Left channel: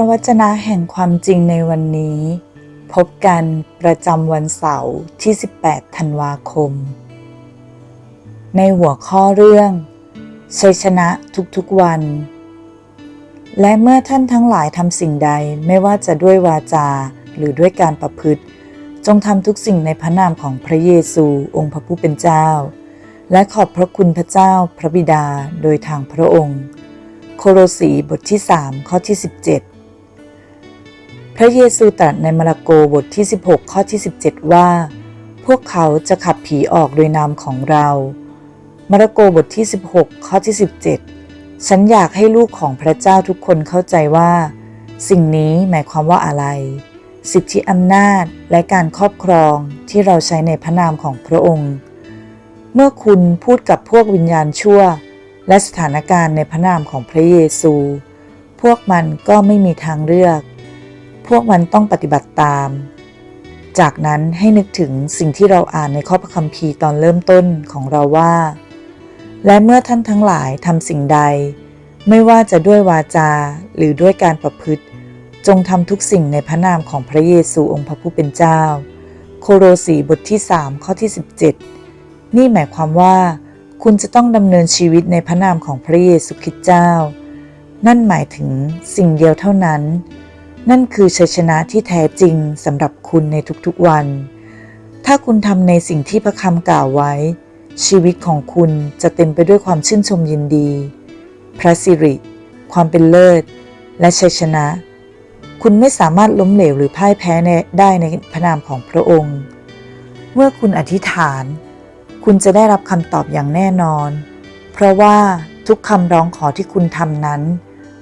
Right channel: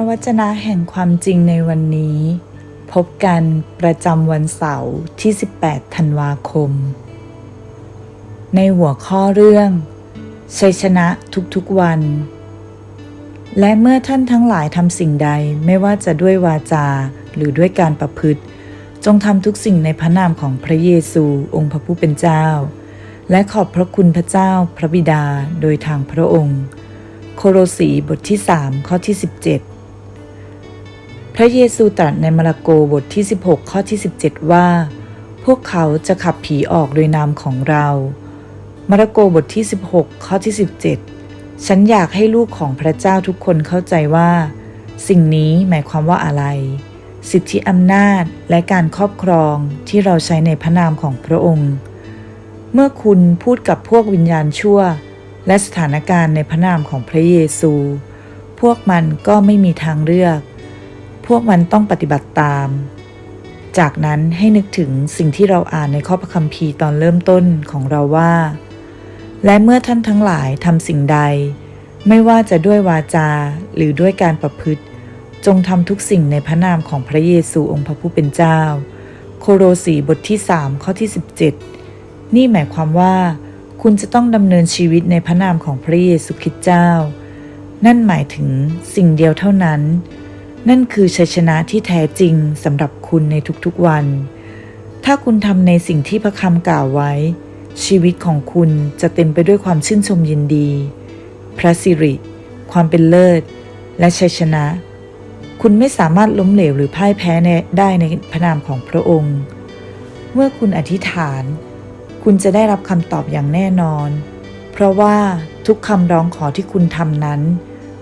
ระวจนะแห่งความจริงในวันนี้ พบกันประจำวันเสาร์ที่ 18 ธันวาคม ในหัวข้อเรื่อง ชัยชนะทุกๆวัน และเมื่อท่านทั้งหลายทำสิ่งใดไม่ว่าจะด้วยวาจาหรือด้วยการประพฤติ จงทำทุกสิ่งในพระนามของพระเยซูองค์พระผู้เป็นเจ้า และขอบพระคุณพระเจ้าพระบิดาโดยทางพระองค์โคโรสีบทที่ 3 ข้อที่ 17 พระเยซูตรัสในมาระโกบทที่ 16 ข้อที่ 17 ว่า พวกเขาจะขับผีออกโดยนามของเรา มาระโกบทที่ 16 ข้อที่ 17 ฉันอยากให้ลูกของพระเจ้าทุกคนเข้าใจว่า สิ่งนี้หมายความว่าอะไร สิทธิอำนาจและการครอบครองที่เราใช้ในพระนามของพระองค์ เมื่อคุณพูดกับพวกวิญญาณชั่ว และสถานการณ์ในพระนามของพระเยซู พวกมันก็ไม่มีทางเลือก พวกมันต้องปฏิบัติตาม จากนั้นให้นึกถึงสิ่งที่เราอ่านในข้อพระคัมภีร์ตอนเริ่มต้นของเราว่า และเมื่อท่านทั้งหลายทำสิ่งใด ไม่ว่าจะด้วยวาจาหรือด้วยการประพฤติ จงทำทุกสิ่งในพระนามของพระเยซูองค์พระผู้เป็นเจ้า โคโรสีบทที่ 3 ข้อที่ 17 นี่หมายความว่า คุณจะต้องดำเนินชีวิตในพระนามของพระเยซูคริสต์เจ้า นั่นหมายถึงสิ่งเดียวเท่านั้น นั่นคือชัยชนะที่แท้จริงสำหรับคุณในทุกๆวัน ถ้าคุณทำในสิ่งที่พระคำกล่าวไว้ ชีวิตของคุณจะเต็มไปด้วยความชื่นชมยินดี พระสิริ ความเป็นเลิศ และชัยชนะ คุณไม่สามารถล้มเหลวหรือพ่ายแพ้ได้ในพระนามของพระองค์ เมื่อคุณอธิษฐาน คุณจะได้รับคำตอบอย่างแน่นอน เพราะว่าทุกคำร้องขอที่คุณทำนั้น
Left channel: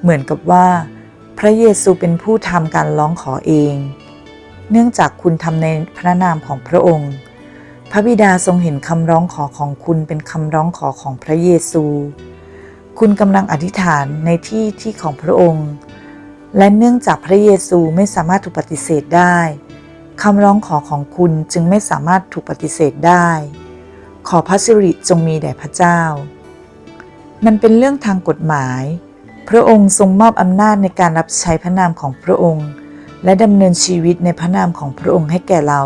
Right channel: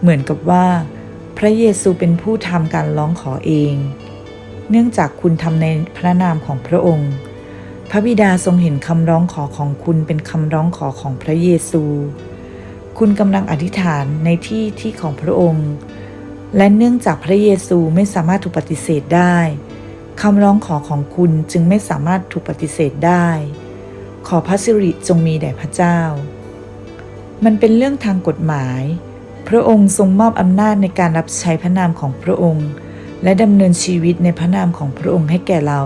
เหมือนกับว่า พระเยซูเป็นผู้ทำการร้องขอเอง เนื่องจากคุณทำในพระนามของพระองค์ พระบิดาทรงเห็นคำร้องขอของคุณเป็นคำร้องขอของพระเยซู คุณกำลังอธิษฐานในที่ที่ของพระองค์ และเนื่องจากพระเยซูไม่สามารถถูกปฏิเสธได้คำร้องขอของคุณจึงไม่สามารถถูกปฏิเสธได้ ขอพระสิริจงมีแด่พระเจ้า มันเป็นเรื่องทางกฎหมาย พระองค์ทรงมอบอำนาจในการรับใช้พระนามของพระองค์ และดำเนินชีวิตในพระนามของพระองค์ให้แก่เรา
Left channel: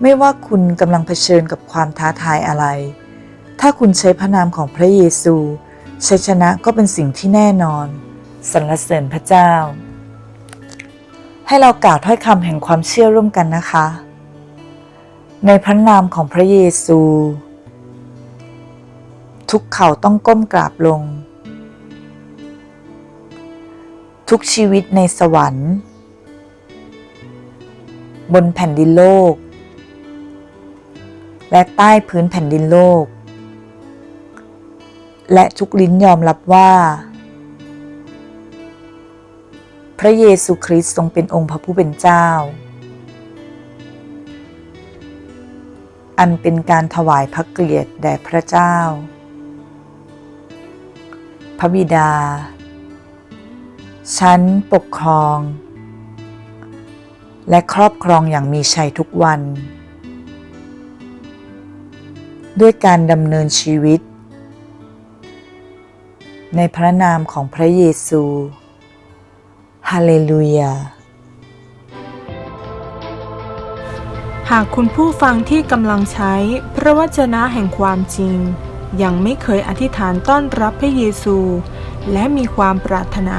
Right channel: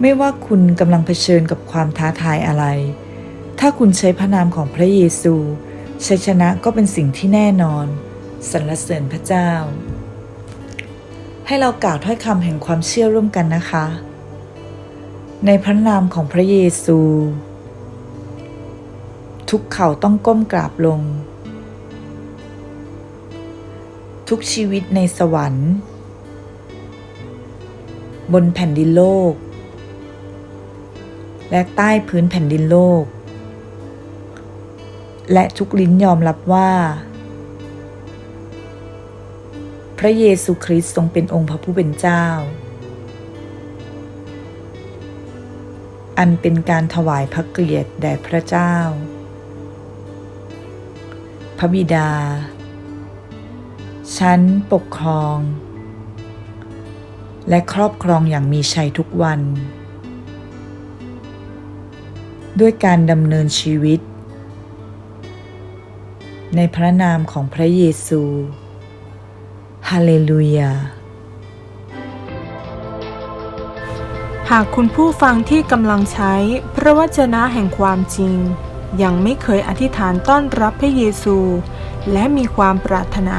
ไม่ว่าคุณกำลังเผชิญกับความท้าทายอะไร ถ้าคุณใช้พระนามของพระเยซูชัยชนะก็เป็นสิ่งที่แน่นอนสรรเสริญพระเจ้า ให้เรากล่าวถ้อยคำแห่งความเชื่อร่วมกันนะคะ ในพระนามของพระเยซู ทุกเข่าต้องก้มกราบลง ทุกชีวิตในสวรรค์ บนแผ่นดินโลก และใต้พื้นแผ่นดินโลก และทุกลิ้นยอมรับว่า พระเยซูคริสต์ทรงเป็นองค์พระผู้เป็นเจ้า อันเป็นการถวายพระเกียรติแด่พระเจ้า พระบิดา ฉันปกครอง และครอบครองอย่างมีชัยทุกวัน ด้วยการดำเนินชีวิต ในพระนามของพระเยซูฮาเลลูยาหากคุณผู้ฟังที่กำลังใช้พระวจนะแห่งความจริง ยังไม่เคยอธิษฐานต้อนรับพระเยซู และมีความปรารถนา